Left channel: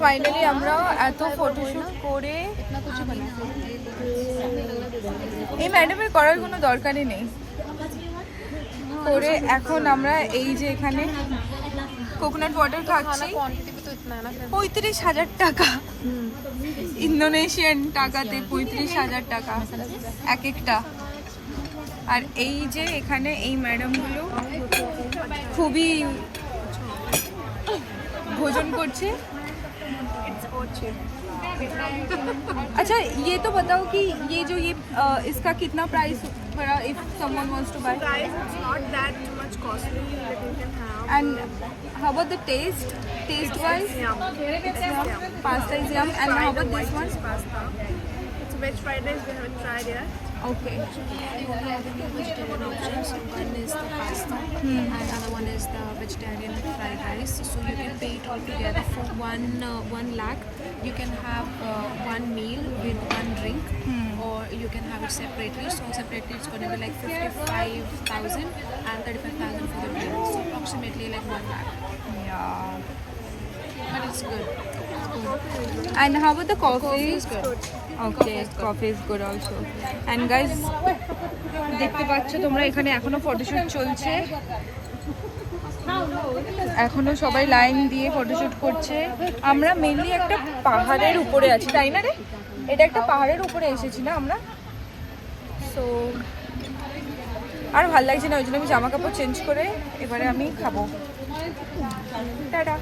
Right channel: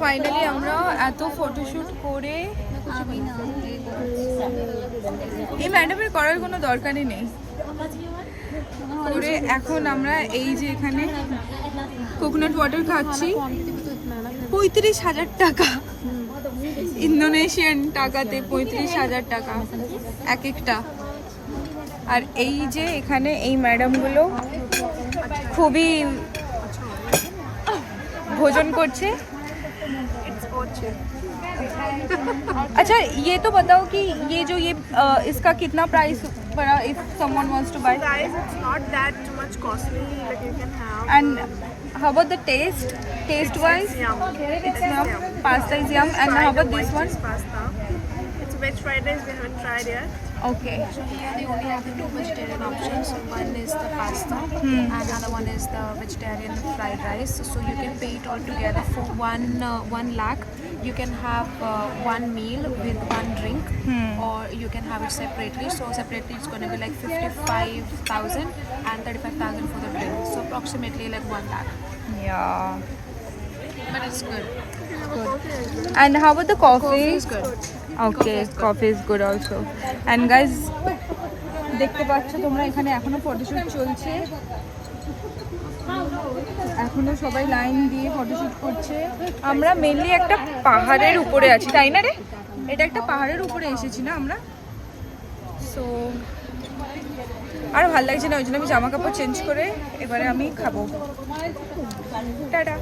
Finally আমরা এত photoshoot করে, এই ম্যাডামের করার কোনো দরকারই নেই, করে এখন আমরা এই যে এখানে কোকোনাট ওয়াটার খাচ্ছি। 35,000 টাকা, ইন্দোনেশিয়ান টাকাতে 35,000 টাকা এক একটা। আর এই যে এখানে এই ম্যাডামগুলো খুবই भोजन करछे। अच्छा ये तो बताओ कि ये जो ये इसका कितना प्राइस पड़ा if someone wants to buy? Guys, it's not that much costly. Like you can have. And how about the taste? Taste wise, It's yum. it's yum. Pasta is yum. And how about this one? Pasta. It's a veg fried rice. We haven't tried yet. Okay. We only have two vegetarian options. One is the pasta and another one is the vegetarian fried rice. So you can pay it all together for 1 lakh. You can have one meal with one drink, or you can have it separately. So separately it's going to be like 55,000 and 35,000 for the drink. So approximately like 1 lakh. Yeah. But it's good. You can have a coffee as well. And how about the coffee? Coffee is good. Okay, coffee is good also. And guys, দেখতে পাচ্ছ তোমরা এখানে এখনো photoshoot চলছে, এখনো সবাই line দিয়ে photoshoot করছে। আমরা মেনলি একটা পাহাড়ের উপরে আছি, তাই না রে? এটা একটা পাহাড়ের উপরে এসেছি না আমরা। সো আর ভালো লাগছে না, ওই জন্য আমি জামা কাপড় চেঞ্জ করে এবারে আমি খাবো। টাটা।